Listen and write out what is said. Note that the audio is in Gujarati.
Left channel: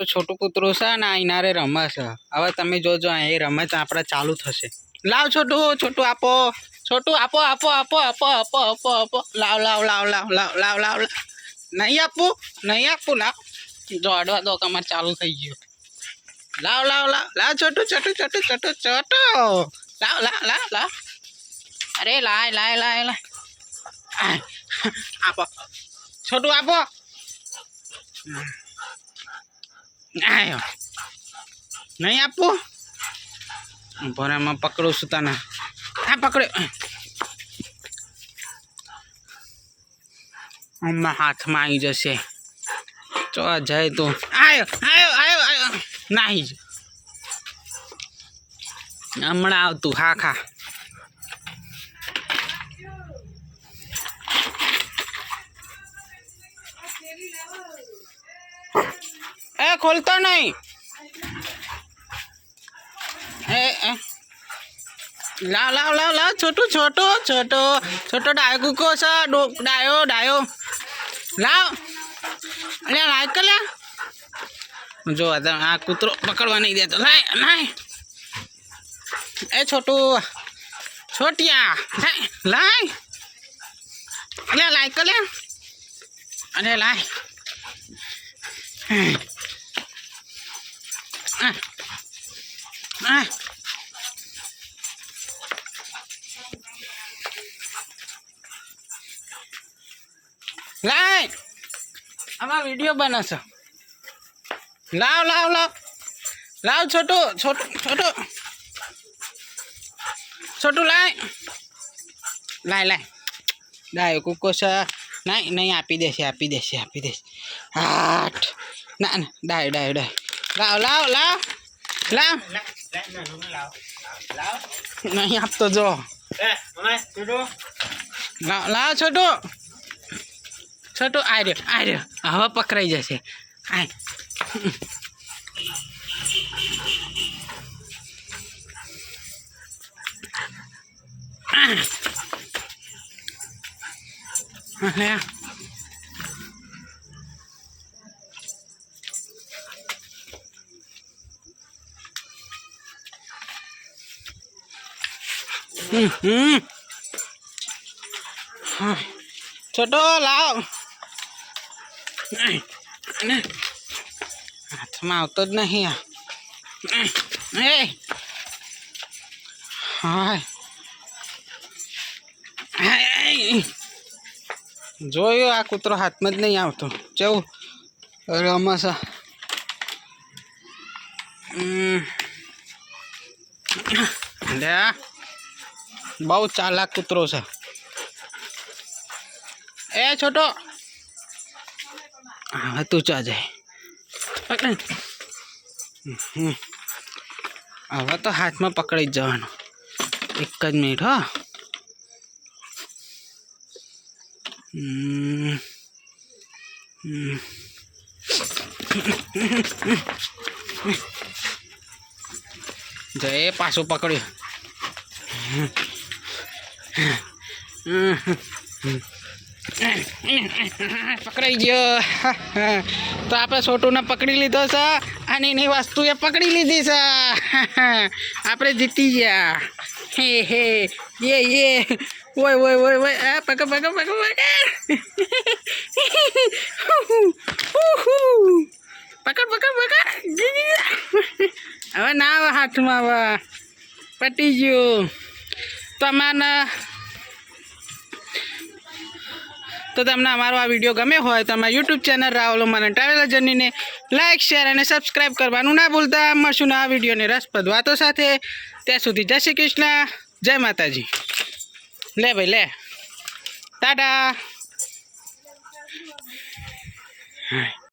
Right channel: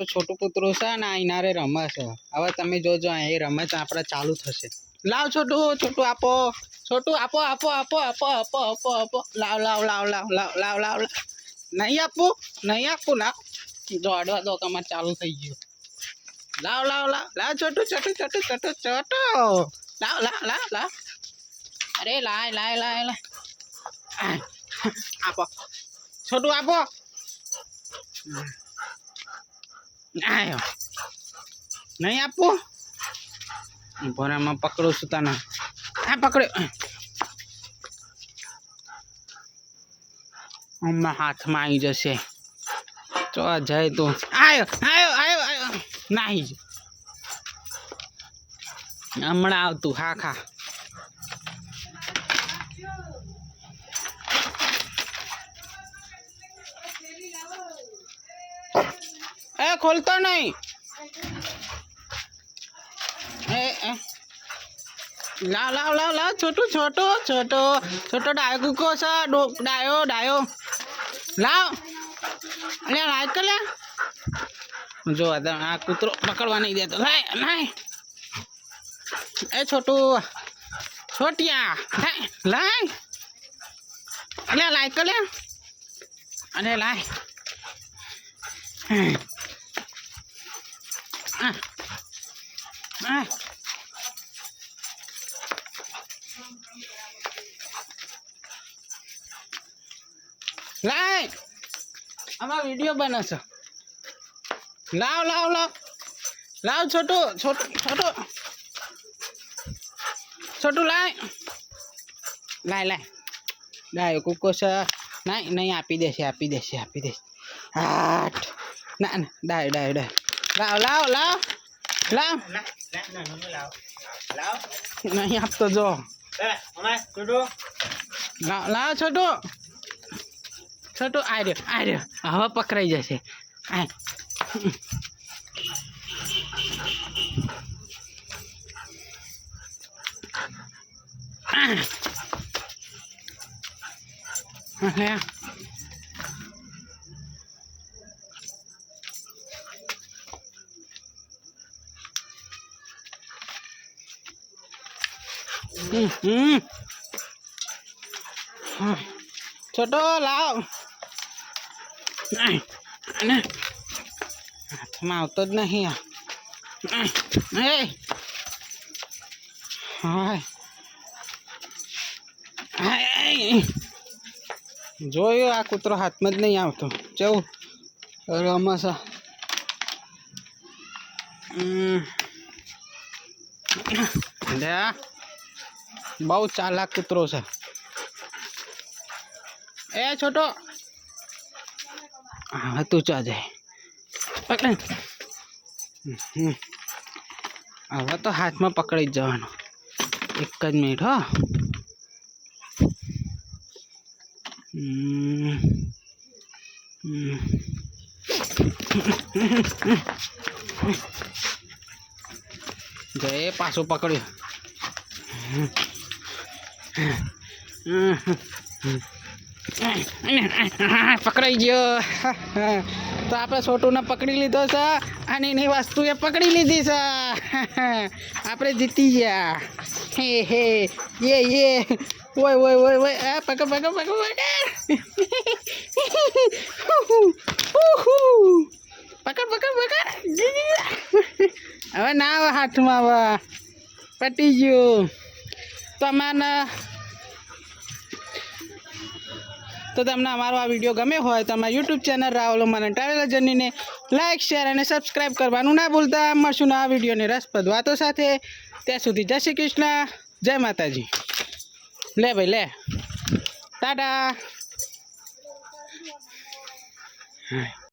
તો છોટું કૂતરું છે ને અહીંના રે રમે છે હવે તમે જોજો એ રમત આપણે ચાલુ થશે લાવ છોટું છોટું આપો છોટું આપો આપો આપો આપો આપો આપો આપો લાવ લાવ લાવ લાવ લાવ લાવ લાવ નહીં આપું નહીં આપું લાવ જો અડવા દો કમર ચાલુ થઈ ગયું લાવ લાવ લાવ લાવ છોટું છોટું છોટું છોટું છોટો લાવ લાવ લાવ લાવ અરે લાય લાય લાય લાય આપો છોટું આપો આયો. નહીં આપવું ભરામાં પકડું છું તને. આ પકડ્યો હમણાં હાથમાં આવી જશે. તો જાય તો. આયો આયો આયો આયો. નાહી જ. હમણાં આવતું. હા, ખા. એ, ખોલતો નહીં. એ લાવ લાવ લાવ લાવ. છોટું, છોટો છોટો. છોટો ડાયો કૂકો છે. ડાયો ડાયો. લાવ. અલ્યા લાય કે લ્યા જો, આ કૂતરો પકડવા નહીં દેતો. લાય લાય. એ, છોટું. છોટિયા. લાય લાય. અલ્યા લાય કે લ્યા અરે, લાય. આ આ લાય આમાં વીડિયો બને છે લાવ લાવ લાવ લાવ છોટું છોટું છોટું છોટું લાય લાય લાય ડાયો કૂકો છે નહીં નહીં આપી દેશે આપી દેશે આપી દેશે આઠ ના ના ડાય ડાય ડાય લાવ લાવ લાવ લાવ નહીં આપતો જો લાવ લાવ છોટું છોટું આ રહ્યો આ રહ્યો હવે પકડાઈ જશે આય હા લે હમ હમ હા છોટો લાવ ને હાથમાં આવતો જ નહીં આ એ હાય હાય. જોયું આ કૂતરો હાથમાં જ નહીં આવતો કેવું રમસ લે આ. બહુ ચાલાક કૂતરો છે. એ છોટો. હા તું ચા જાય. હવે તો હાથમાં પકડી જ જવાનું. એક જ મિનિટ, હો. જય, પાછું પકડ્યું. પકડાઈ ગયો. તો આપણે છોટુને પકડી લીધો છે અને એની વસ્તુ એ પકડી લીધી છે. આપણે જીતી ગયા. હે હે. યે યે. ઓય ઓય ઓય ઓય. આ પકડ પકડ પકડ પકડ. પકડ પકડ પકડ. હવે ના હાથમાં હવે. પટી ગયું. તમારે તો તમને અમારો આ વીડિયો ગમે હોય તો અમારા યુટ્યુબ ચેનલ રાહુલ મને ટ્રાવેલર જર્નીને લાઇક શેર અને સબસ્ક્રાઈબ કરવાનું ના ભૂલતા. મળશું આ વિડીયોને રસપ્રદ વાતો સાથે. ત્યાં સુધી જય શ્રી કૃષ્ણ, જય માતાજી. લે ભાઈ, લે. ટાટા. હાય